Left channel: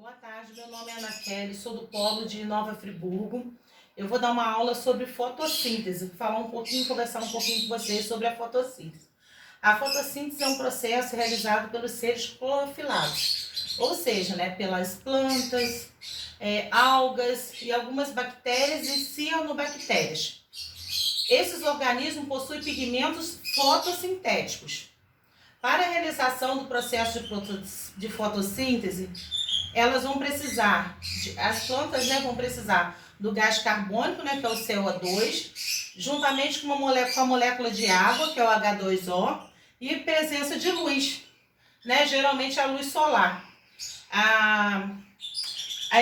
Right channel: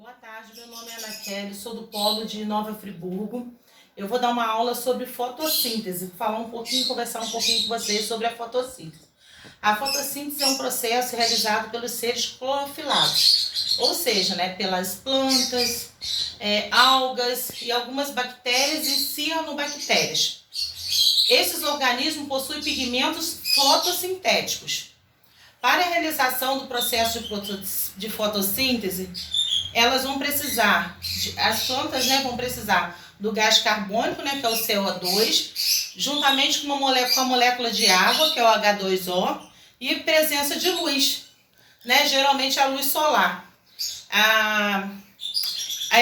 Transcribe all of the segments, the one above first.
Boa tarde, meu nome é Ana Kelly, sou do Polo de Nova Friburgo. Eu vou dar uma aula sobre fotossíntese, conversar um pouquinho com vocês sobre a fotossíntese. A fotossíntese é um processo realizado pelos seres clorofilados, ou seja, pelas plantas, algas e algumas bactérias e cianobactérias. Esses organismos possuem pigmentos fotossintéticos. Para a realização do processo de fotossíntese, as plantas vão precisar do gás carbônico, que é o CO2, juntamente com a molécula de água, que é o H2O, e presença de luz, geralmente a luz solar. A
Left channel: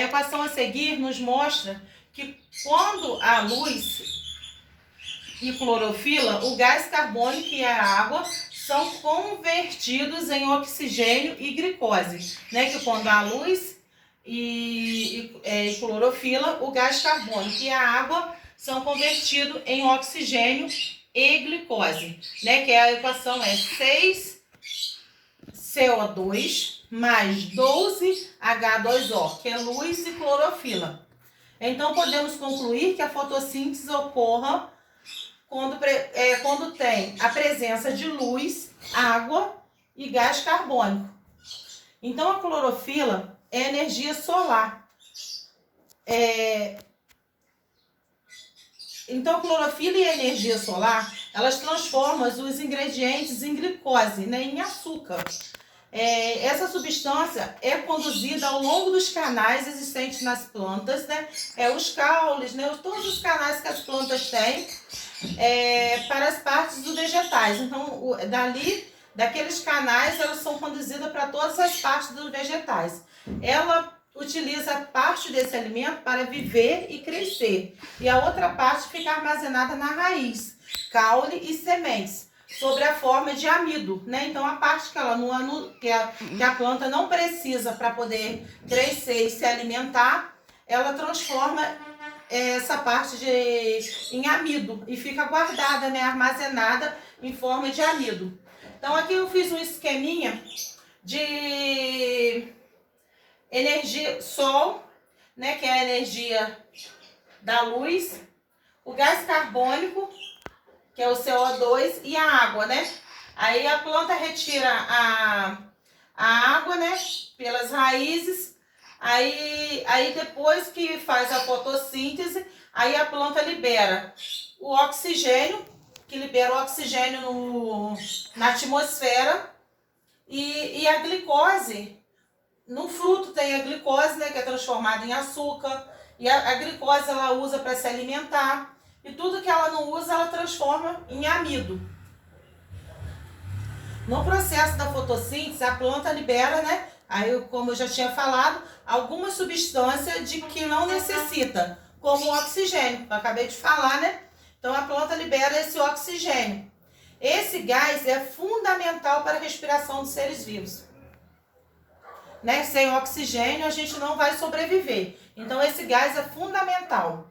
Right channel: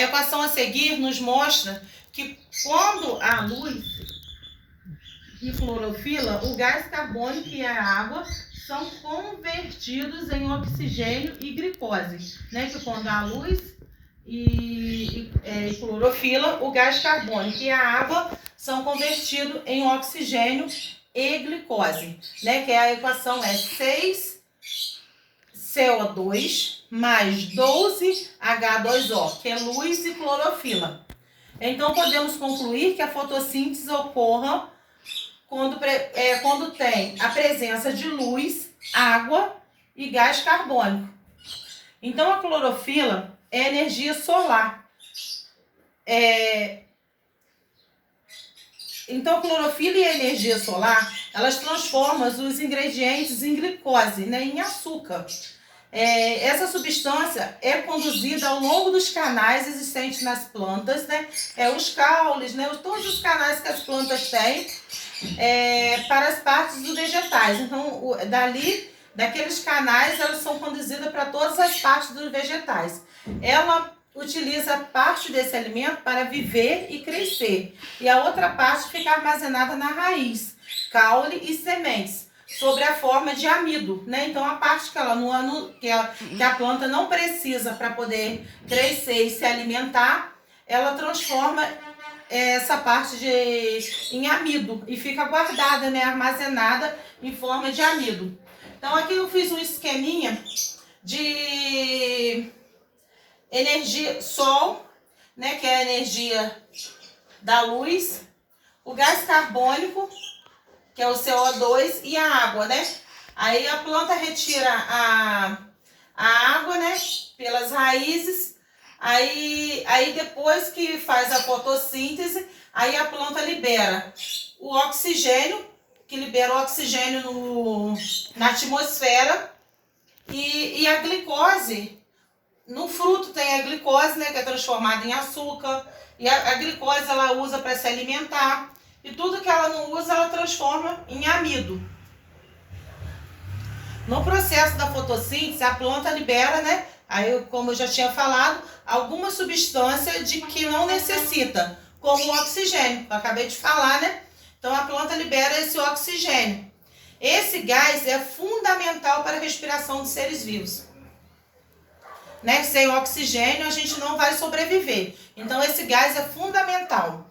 equação a seguir nos mostra que quando há luz e clorofila, o gás carbônico e a água são convertidos em oxigênio e glicose, que quando há luz e clorofila, o gás carbônico e a água são convertidos em oxigênio e glicose, que a equação é 6CO2 mais 12H2O, que é luz e clorofila. Então, podemos concluir que a fotossíntese ocorra quando tem a presença de luz, água e gás carbônico. Então, a clorofila é energia solar. Então, a clorofila e a energia solar, elas transformam os ingredientes em glicose, em açúcar. Essa substância é conduzida ao longo dos canais existentes nas plantas, os caules, todos os canais que as plantas têm, para as partes dos vegetais. Então, daqueles canais, elas são conduzidas para todas as partes dos vegetais. Ela utiliza parte desse alimento para viver e crescer, e a outra parte fica armazenada na raiz, caule e sementes, sob a forma de amido, Então, a parte que a planta não precisa para poder crescer e se alimentar, ela transforma essa parte em amido e fica guardada, armazenada em forma de amido. Então, aqui eu fiz um esqueminha de energia sol, que é a energia da luz, o gás carbônico, que é o CO2, e a água, Aí a planta retira a água, pelas raízes. Aí depois que faz a fotossíntese, aí a planta libera o oxigênio, na atmosfera, e a glicose. No fruto tem a glicose, que é transformada em açúcar, e a glicose ela usa para se alimentar, e tudo que ela não usa ela transforma em amido. No processo da fotossíntese, a planta libera, aí, como eu já tinha falado, alguma substância de que não necessita, como o oxigênio, eu acabei de falar, Então, a planta libera esse oxigênio. Esse gás é fundamental para a respiração dos seres vivos. Sem oxigênio, a gente não vai sobreviver. Então, esse gás é fundamental.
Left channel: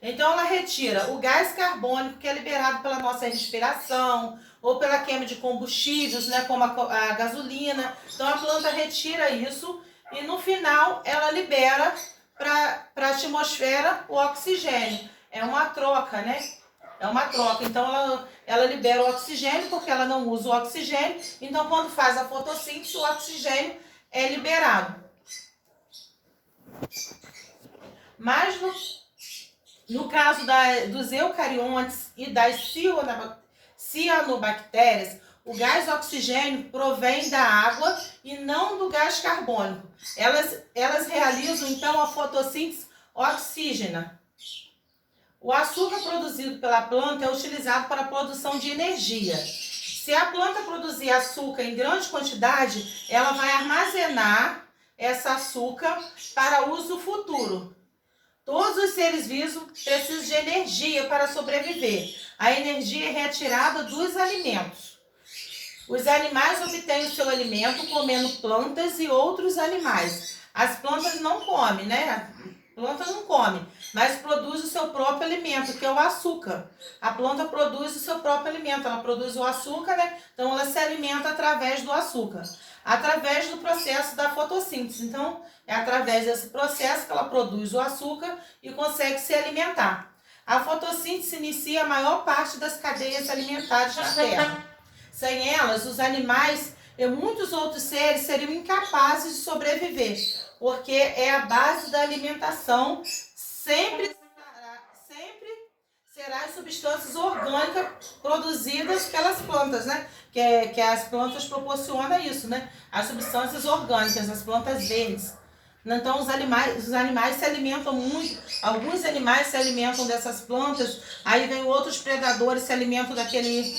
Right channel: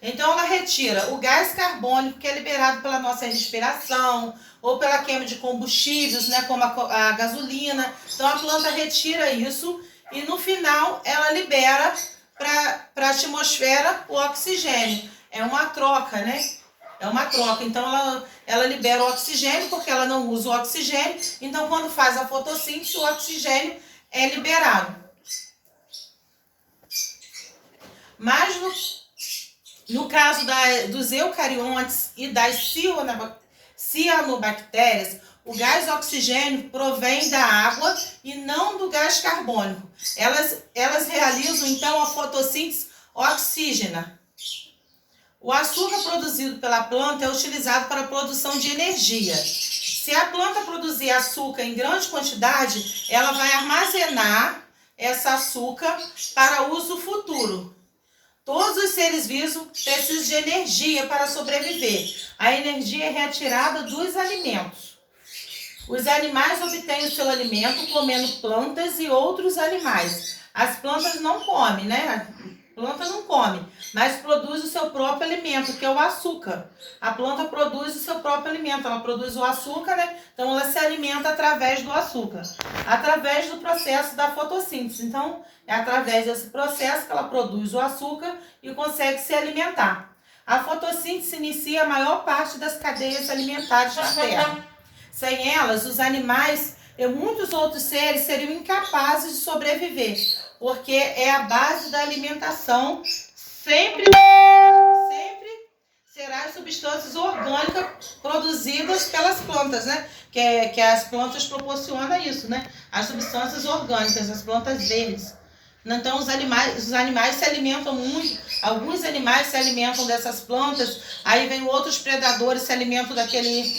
Então, ela retira o gás carbônico, que é liberado pela nossa respiração, ou pela queima de combustíveis, como a gasolina. Então, a planta retira isso e, no final, ela libera para a atmosfera o oxigênio. É uma troca, É uma troca. Então, ela libera o oxigênio, porque ela não usa o oxigênio. Então, quando faz a fotossíntese, o oxigênio é liberado. Mas, no caso dos eucariontes e das cianobactérias, o gás oxigênio provém da água e não do gás carbônico. Elas realizam, então, a fotossíntese oxígena. O açúcar produzido pela planta é utilizado para a produção de energia. Se a planta produzir açúcar em grande quantidade, ela vai armazenar esse açúcar para uso futuro. Todos os seres vivos precisam de energia para sobreviver. A energia é retirada dos alimentos. Os animais obtêm o seu alimento comendo plantas e outros animais. As plantas não comem, Planta não come, mas produz o seu próprio alimento, que é o açúcar. A planta produz o seu próprio alimento, ela produz o açúcar, né? Então ela se alimenta através do açúcar, através do processo da fotossíntese. Então é através desse processo que ela produz o açúcar e consegue se alimentar. A fotossíntese inicia a maior parte das cadeias alimentares na Terra. Sem elas, os animais e muitos outros seres seriam incapazes de sobreviver, porque é a base da alimentação, sempre será as substâncias orgânicas produzidas pelas plantas, né? Que as plantas proporcionam isso, né? As substâncias orgânicas, as plantas verdes. Então os animais se alimentam muito, alguns animais se alimentam dessas plantas, aí vem outros predadores se alimentam daquele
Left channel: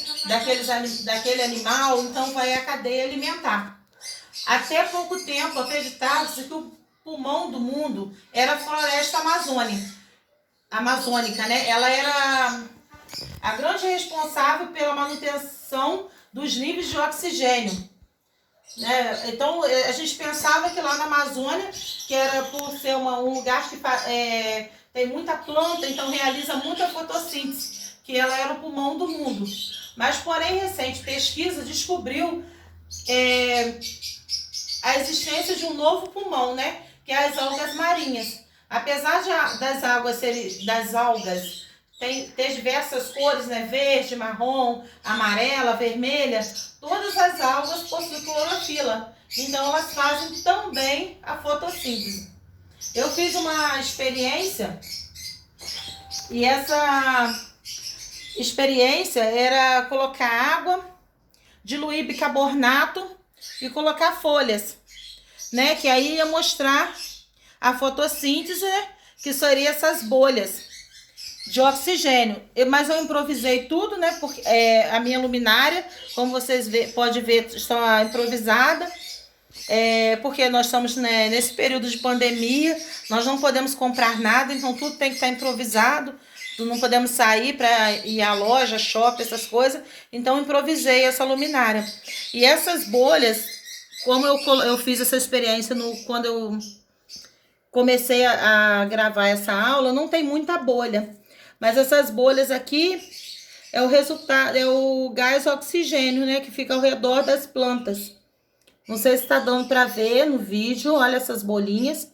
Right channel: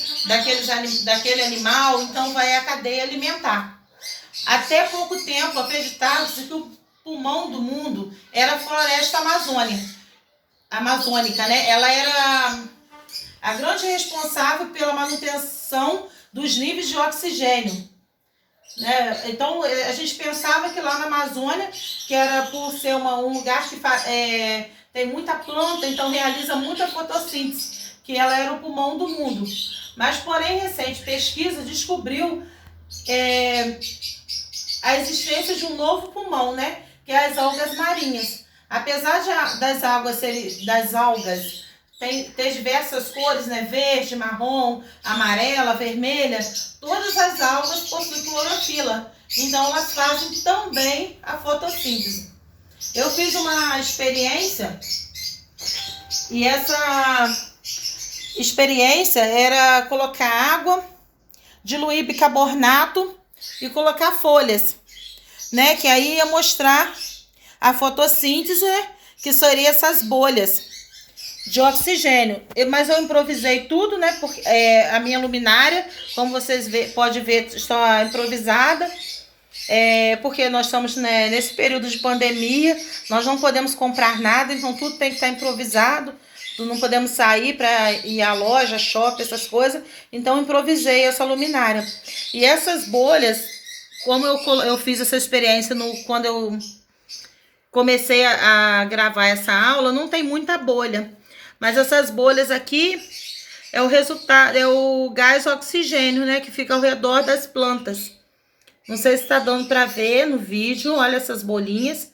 animal, então vai a cadeia alimentar. Até pouco tempo acreditava-se que o pulmão do mundo era a floresta amazônica, né? Ela era a grande responsável pela manutenção dos níveis de oxigênio, né? Então a gente pensava que lá na Amazônia, que era por ser um lugar que tem muita planta, então realiza muita fotossíntese, que ela era o pulmão do mundo. Mas porém recente pesquisa descobriu a existência de um novo pulmão, né? Que é as algas marinhas. Apesar das algas ter diversas cores, né? Verde, marrom, amarela, vermelha, todas as algas possuem clorofila. Então elas fazem também a fotossíntese. Eu fiz uma experiência e essa experiência era colocar água, diluir bicarbonato e colocar folhas, né? Que aí ia mostrar a fotossíntese, que seria essas bolhas de oxigênio. Mas eu improvisei tudo, né? Porque a minha luminária, como vocês podem ver, está improvisada. Porque nós estamos, né, nesse período de pandemia, nós não podemos comprar nada, então tudo tem que estar improvisado. Não podemos sair para ir à loja, shopping, essas coisas. Então improvisei essa luminária. E essas bolhas, como eu fiz essa experiência quando eu comecei a gravar essa aula, não tem muita bolha. Mas essas bolhas aqui é o resultado, é o gás oxigênio, né, que fica ao redor das plantas. Não sei se está dando para ver no vídeo, olha essas bolinhas.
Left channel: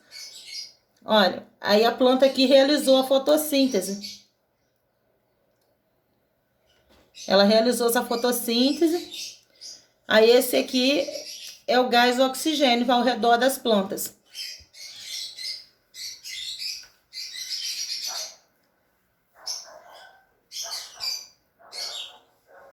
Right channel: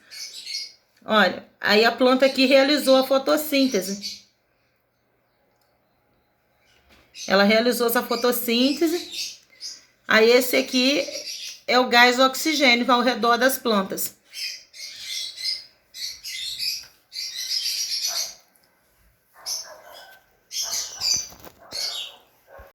Olha, aí a planta aqui realizou a fotossíntese. Ela realizou essa fotossíntese. Aí esse aqui é o gás oxigênio ao redor das plantas.